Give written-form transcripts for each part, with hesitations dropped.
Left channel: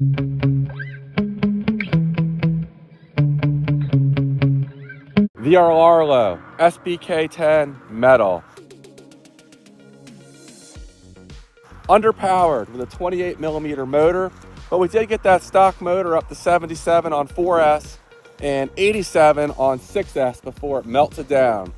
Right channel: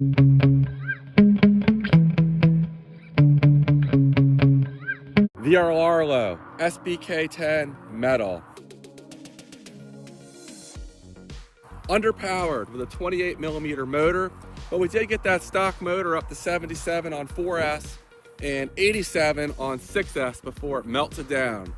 The Rlaarlo SBK10 metal. Underpowered with a 28mm motor, but we did get that stock motor up to 77 on 4S and 87 on 6S before it melted down.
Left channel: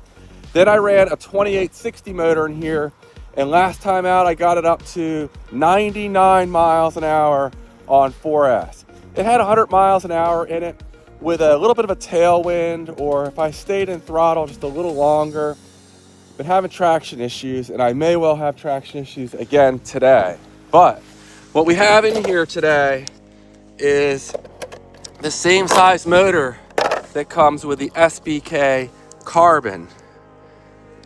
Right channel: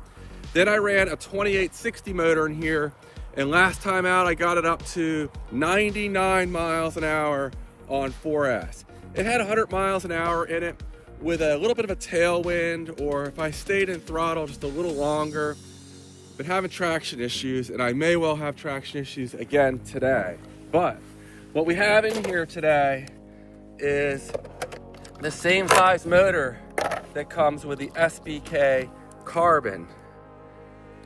Then I ran a 2860 motor in here, and last time out I got it up to 99 miles an hour on 4S. It had 100 miles an hour in it with a little bit of a tailwind, or if I stayed in throttle just a little longer. Been having traction issues, and I may well have traction issues again today. But what we have in here today is the same size motor that comes with the SBK Carbon.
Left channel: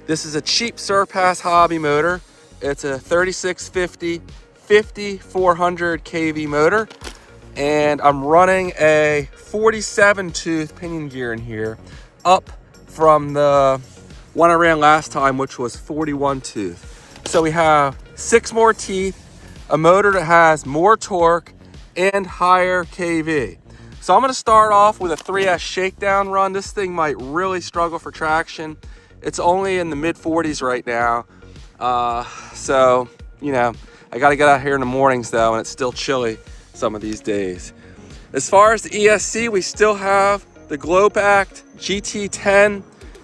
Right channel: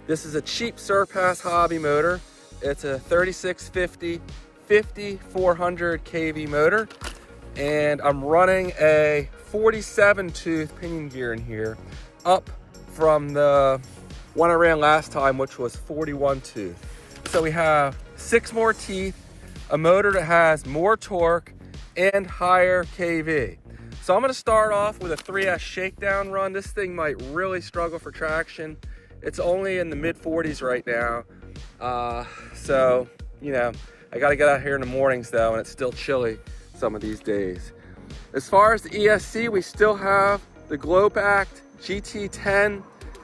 This is a cheap Surpass hobby motor. It's a 3650 5400 kV motor, and I'm running a 47 tooth pinion gear in here, up from the one I ran last time, which was 41 tooth. So we have 6 more teeth, a motor that has more torque and higher kV. So I'm gonna start off with a 3S shakedown run. This thing might really struggle for traction. It's only in the mid 40s right now. So, you know, I gotta get out here in the mornings though, and it's still chilly some of these days. As far as the ESC, we still have the Glopact GT10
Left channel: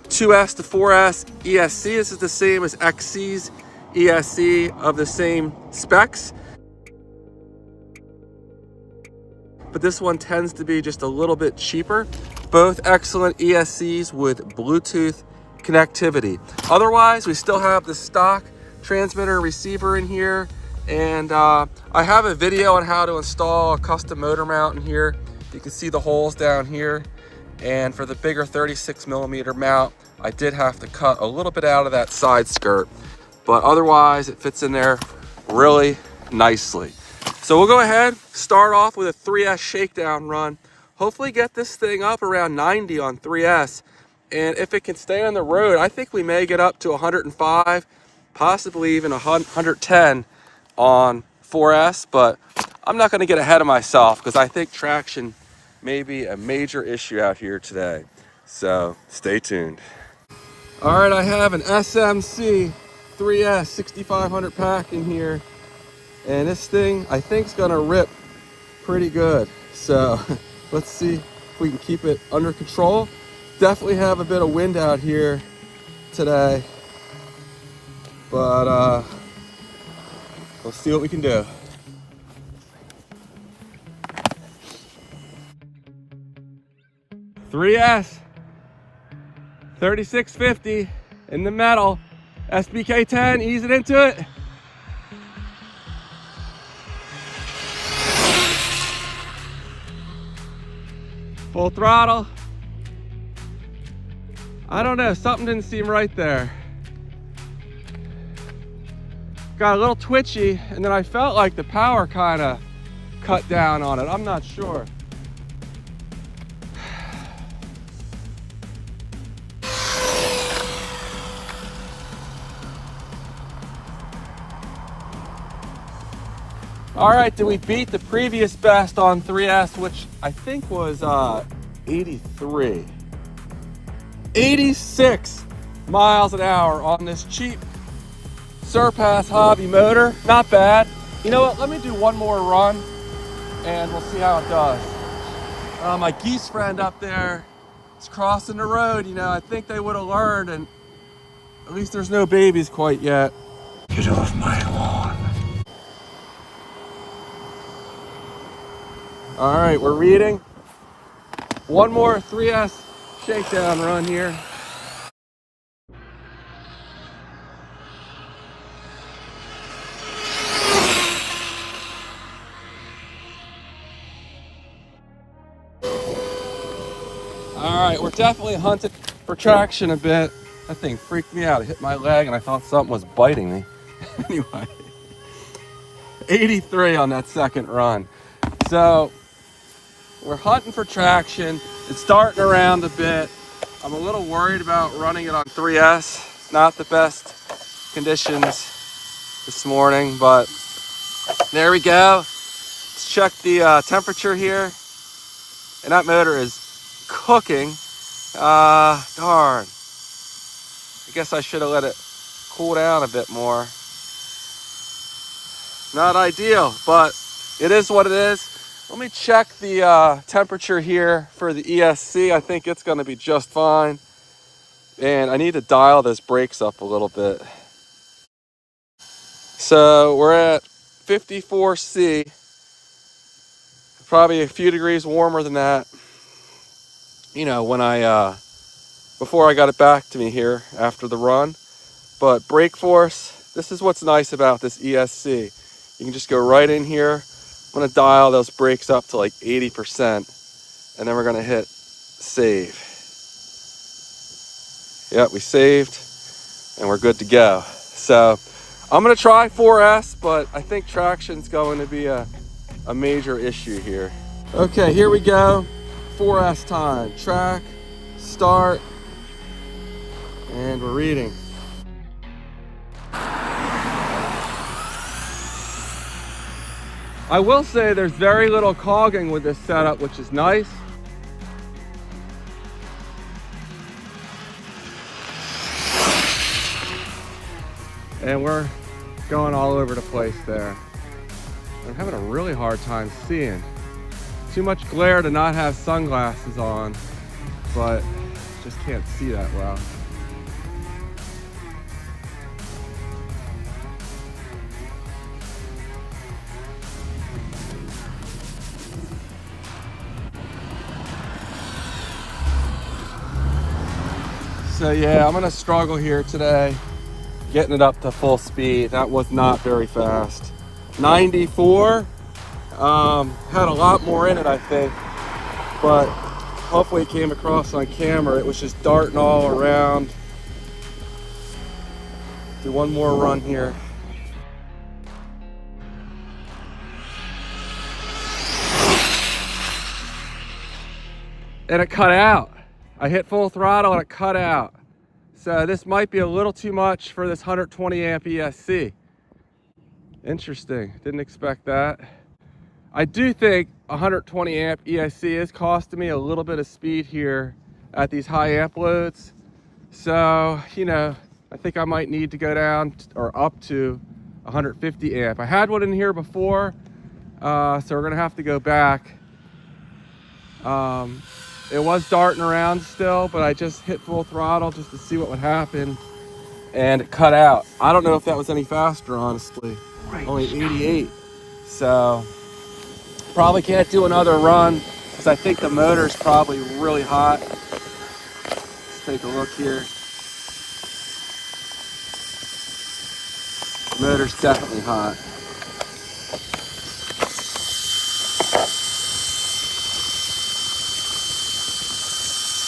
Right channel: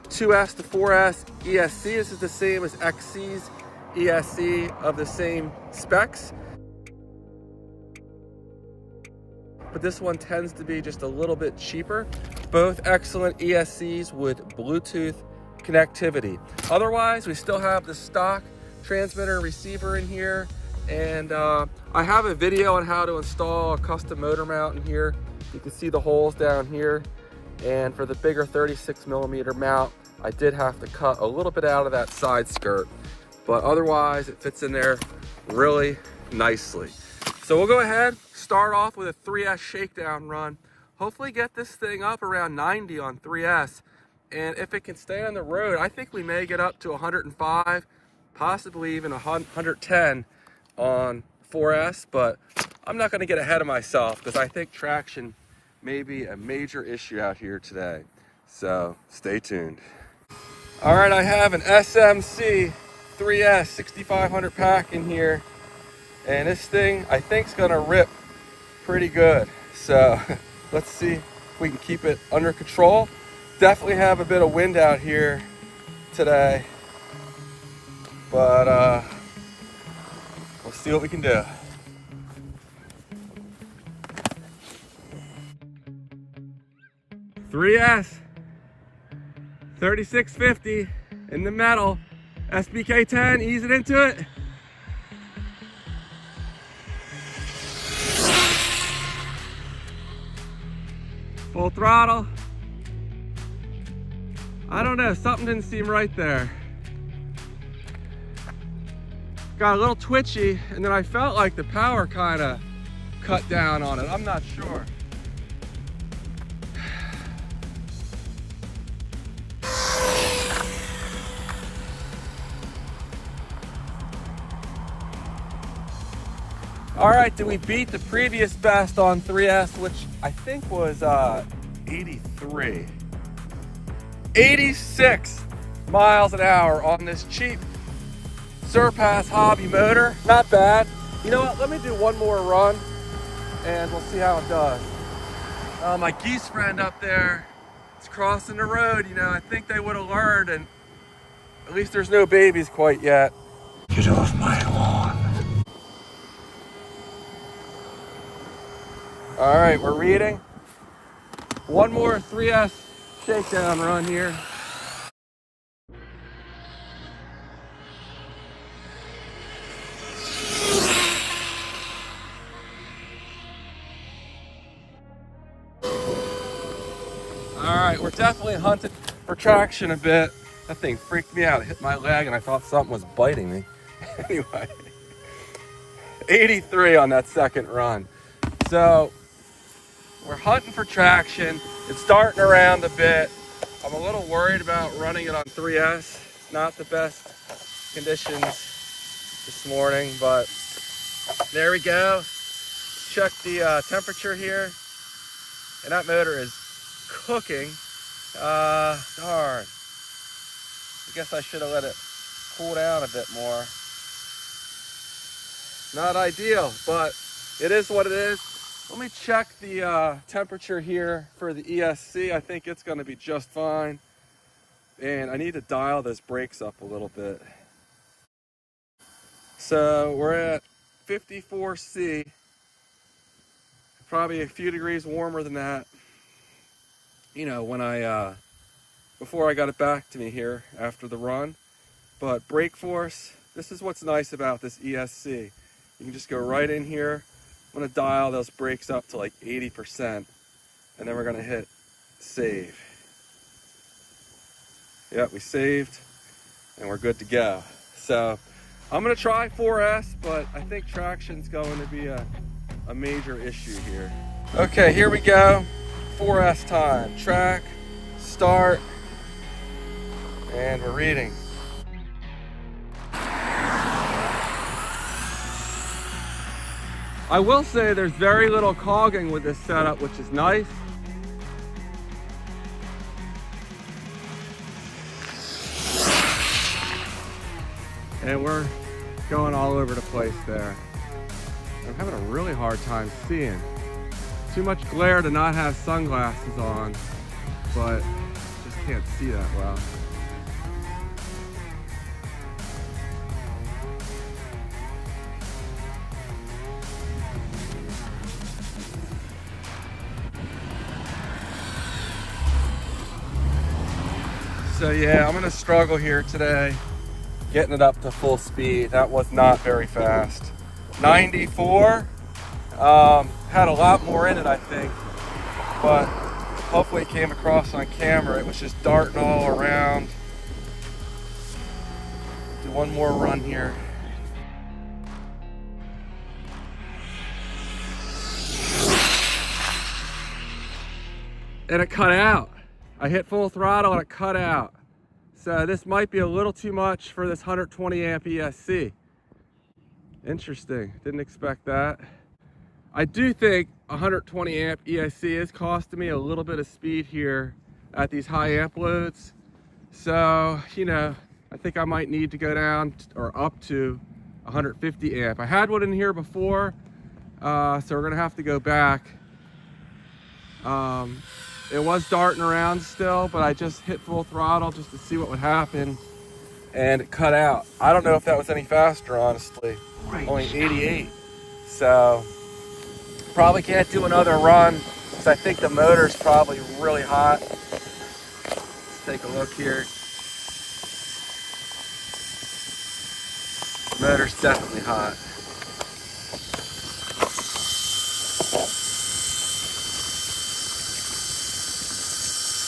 2S to 4S ESC. This is the same as XC's ESC of the same specs, but this one tends to be just a little bit cheaper. Both excellent ESCs with Bluetooth connectivity. Otherwise, we still have the stock transmitter and receiver in here, and I have a video on how to install a custom motor mount in here. You can see the holes down here, and for the bigger 36mm mount, I did have to cut a little bit out of that side skirt, but otherwise it fits in there really nicely. So we'll go ahead, start off with a 3S shakedown run, hopefully get this thing up around 90 on 3S, and if it can stay on the road, I think we may get up to 105, possibly even 110 on 4S, but I'm not gonna get ahead of myself because I think traction may be a major issue out here today. So stay tuned. All right, I have an SMC 3S 6500 pack in here, and this thing I think is gonna rip pretty good. So let's see if we can keep it under control. Definitely have a bit of wind out here today, but let's see what we can do. .3S 3650 in the metal, SBK10, ease it into it. Full throttle. I don't know, something didn't seem right there. Got a little twitchy, and then I felt like the power kind of cut down on it. I'm not sure. All right, did we beat the previous best on 3S, which I think was 83. 86 miles an hour on this cheap Surpass hobby motor. Not bad. You know what, let me do one more run and we'll see how it does. My geese friend up there is crossing the road. You know, I think they would have learned, and at least there's no babies quite yet. Get off my lawn. All right, we're reading. One more 3S shakedown run here. All right, we're definitely hunting for traction a bit. That thing freaked me out. It hit my leg and I thought something was biting me. Anyway, 83 on that second run. So we're hunting for traction. It's darting around a bit. I'm a little worried about running it on 3S. Not the best conditions this morning, but there we go. Let's Let's check the temperature here. And that motor is cooking. Darn. I guess I should have let it cool down a bit more. Not ideal, but it is what it is. Let me check the temperature here for the ESC. I think it's going to be just fine. And I need to dial those brakes up a little bit. So we're at 54C. Probably a few degrees warmer than that. You know, when before I got it back to me here after the run. But brake force, this is what's nice about this ESC. You can just go right in here. I'm gonna dial those brakes up to like 80%, and then we're gonna hit save. Yep, we saved, and we're good to go. So I'm gonna try 4S, but I think traction's going to be a major issue here. Okay, here we go. 4S time. Track, start, and we're reading. I will say there's very little cogging with this setup, which is nice. And we're going all over the place there. I'm having a really hard time seeing. Too much glare to not have sunglasses on, but just can't see that well. So yeah, I'm gonna struggle here today, getting it up to full speed. That was not very fast. 94, had a lot more in it, I think, but hopefully it came across on camera. It was just darting all around. Do one more run here. And it cut out. I hit full throttle and it cut out. So this might be a little too much for this 120 amp ESC. Interesting, didn't expect that. I do think 120 amp ESC is costing me a little bit of speed here at these high amp loads. So, you know, I think I might need to go down or up to 150 amp. I had one in here before, so we're gonna have to go back. It was darting around still, but I just hit full throttle just to see what would happen, and it cut out. I don't know if that was any faster, honestly. Only 88. So probably can't do another run because I think the motor's probably really hot. Let's take a look here. The motor's definitely hot.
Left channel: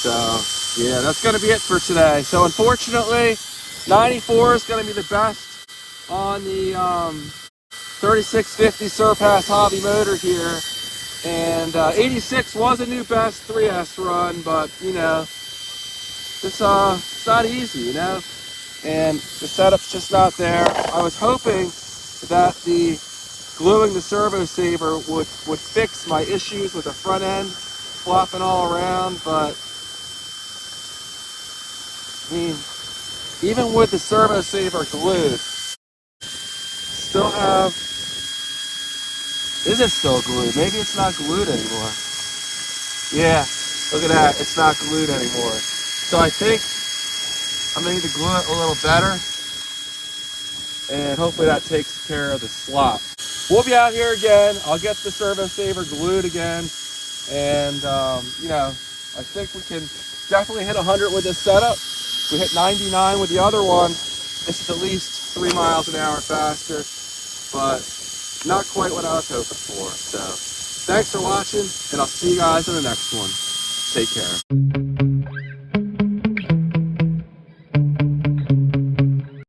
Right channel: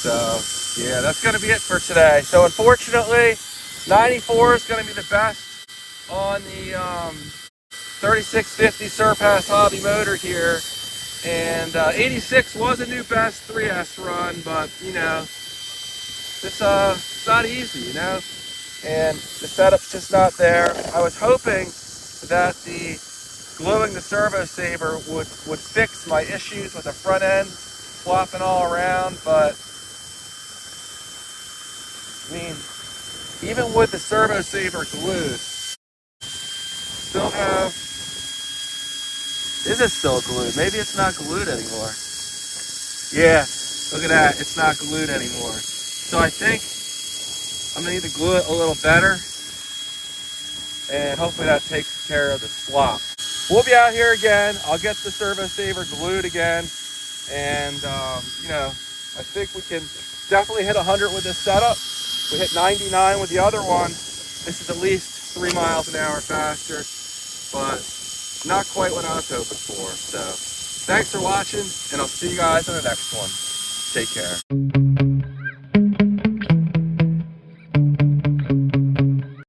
So yeah, that's gonna be it for today. So unfortunately, 94 is gonna be the best on the 3650 Surpass Hobby motor here. And 86 was a new best 3S run, but you know, it's not easy, you know, and the setup's just not there. I was hoping that the gluing the servo saver would fix my issues with the front end flopping all around, but I mean, even with the servo saver glued, still have, is it still glued? Maybe it's not glued anymore. Yeah, look at that, it's not glued anymore. So I think I'm gonna need to glue it a little better, and hopefully that takes care of the slop. We'll be out here again. I'll get the servo saver glued again, and you know, I think we can definitely hit 100 with this setup. We hit 99 with the other one. This is at least 3 miles an hour faster, but not quite what I was hoping for. So thanks for watching, and I'll see you guys in the next one. Take care.